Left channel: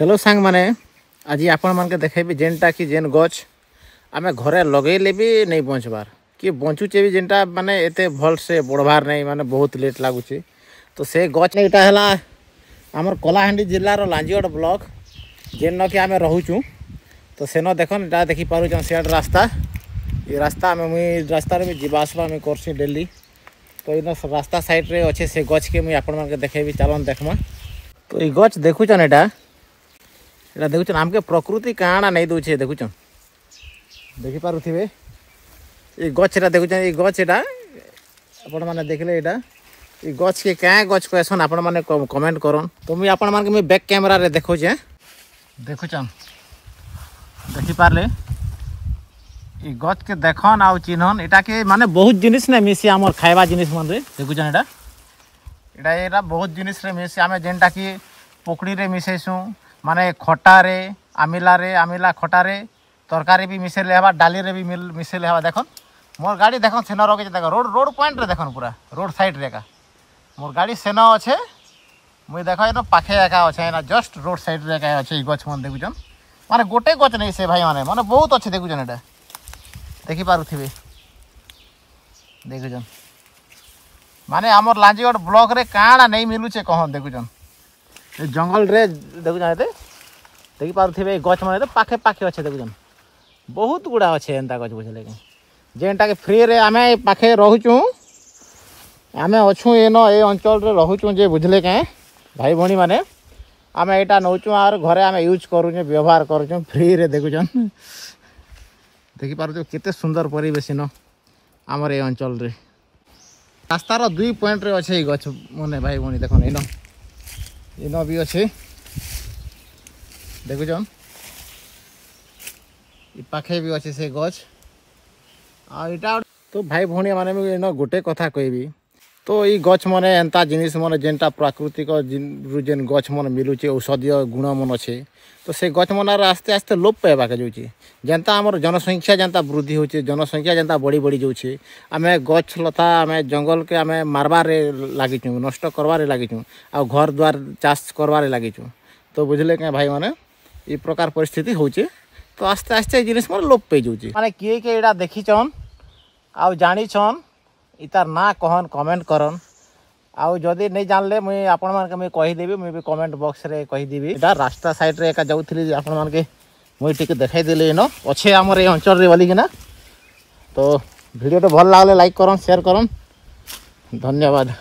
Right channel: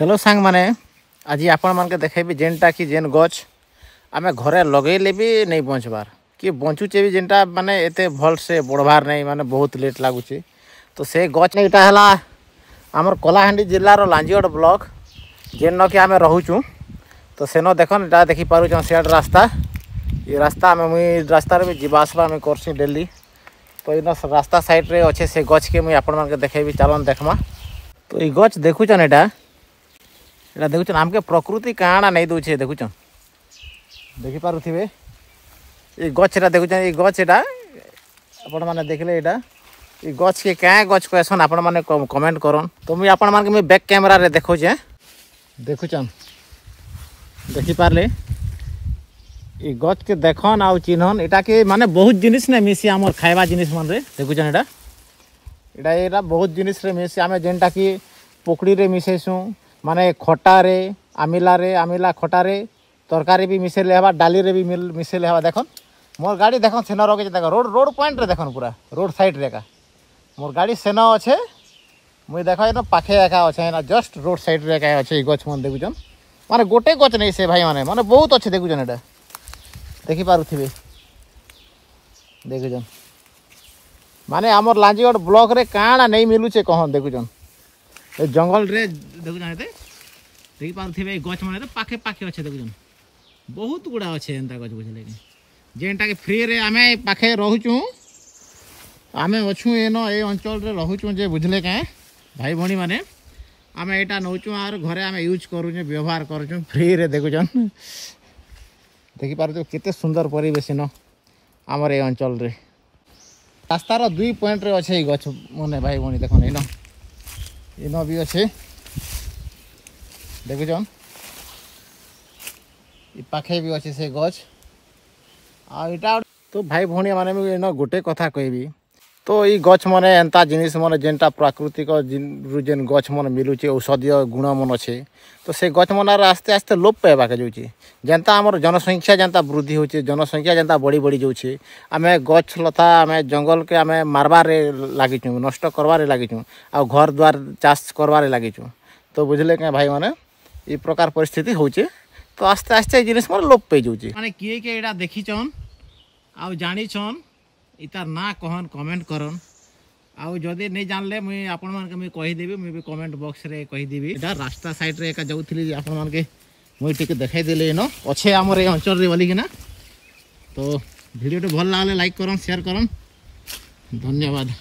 Hello सांग माने आज आपण मान के देखेबी जेनटा कि जेन गछ आमे घरे लगेले भी नहीं बंचबार कि बंचुचे भी जेनटा माने एते भल से बढ़बार नहीं माने बहुत लेट लागुची। तो से गछ एटा हला हमर कलाहांडी जिल्ला रो लांजियोड ब्लॉक जेन कि आमे रहूचू। तो सेनो देखन एटा देखि पारु छ सेड रास्ता ये रास्ता में मुई रास्ता रे जीवा आसबा में करसी डेली। तो इन रास्ता साइड रे अच्छे से गछ के मुई आपण मान के देखेबी चलन देखमा। तो ये गछ देखुचन एटा देखुन आमके प्रकृति काଣା नहीं दूचे देखुन देखि पारुथिबे ये गछटा देखुन ये गछटा आपण माने देखले एटा ये गछ के क्या गछ कहसन आपण माने कमेंट करन। तो मुई आपण मान के बैक कैमरा रे देखो जे देखुन देखि पारले ये गछ के देखन आ चिन्हन एटा के माने बहुत जिनिस ने मिसी हमर खाइबा जिनिस मन रे देखुन एटा एटा एटा बहुत जिनिस रे मिसी आमे जेनटा कि पोकड़ी रे मिसेसु माने खटा रे आमिला खटा रे तरकारी भी मिसेले हवा डाली रे भी मिसेले हवा। देखन मोर गाड़ी देखन सेनो रगे देखो रोड पॉइंट रे देखन पूरा रोड साइड रे का मोर गाड़ी सेनो अच्छे मुई देखो एनो पाखे एका अच्छे ना जस्ट रोड साइड रे का अच्छे गछ मन देखुचन माने गोटे गछ नहीं से भाई माने बहुत अच्छे देखुचन एटा देखि पारुथिबे देखुचन माने हमर लांजीगढ़ ब्लॉक रे काଣା नहीं मिलुचे कहन देखुचन ए जंगल रे देखुन एते देखि पारुथिबे गछ माने तो पाखे पाखे अच्छे देखुन बहुत गुड़ा अच्छे एंता गछ बुझले के जेनटा के फ्री रे आमे पाखे रहूचू आमे अछु एनो ए अंचल रे रहूचू जे बुझले के भाई भणी माने आमे एटा नौचू आर घरे आमे यूज करू जे व्यवहार करू फ्री रे देखुन देखि पारुथि केते सुंदर परिवेश न हमर ए अंचल रे रास्ता रो दुई पॉइंट रे अच्छे गछ माने भाई भणी देखन एना इनो भी अच्छे देखुन पाखे भी अच्छे से गछ आटा। तो भाई भौणी माने इन गोटे कथा कहबी तो ये गछ माने एंता जिनिस माने जेनटा प्राकृतिक जेन गछ मन मिलुचे औषधीय गुण मन अच्छे तो से गछ मन आस्ते आस्ते लोप पाइबा के जाउची जेनता हमर जनसंख्या जेनता वृद्धि होचे जनसंख्या जेनता बढ़ी बढ़ी जाउची आमे गछ लता आमे जंगल के आमे मारबारे लागिचु नष्ट करबारे लागिचु आ घर द्वार चाष करबारे लागिचु। तो बुझले के भाई माने ई प्रकार परिस्थिति होचे तो आस्ते आस्ते जिनिस मन लोप पे जाउची माने किए के एडा देखिचन आ जानी छन इतार ना कहन कमेंट करन आउ जदि नहीं जानले मुई आपण मान के मुई कहि देबी मुई भी कमेंट बॉक्स रे कहि देबी। एटा रास्ता साइड रे एका जाउथली आपण मान के मुई टिके देखाई देले न अच्छे हमर ए अंचल रे बोली कि ना। तो वीडियो तो भल लागले लाइक करन शेयर करन धन्यवाद।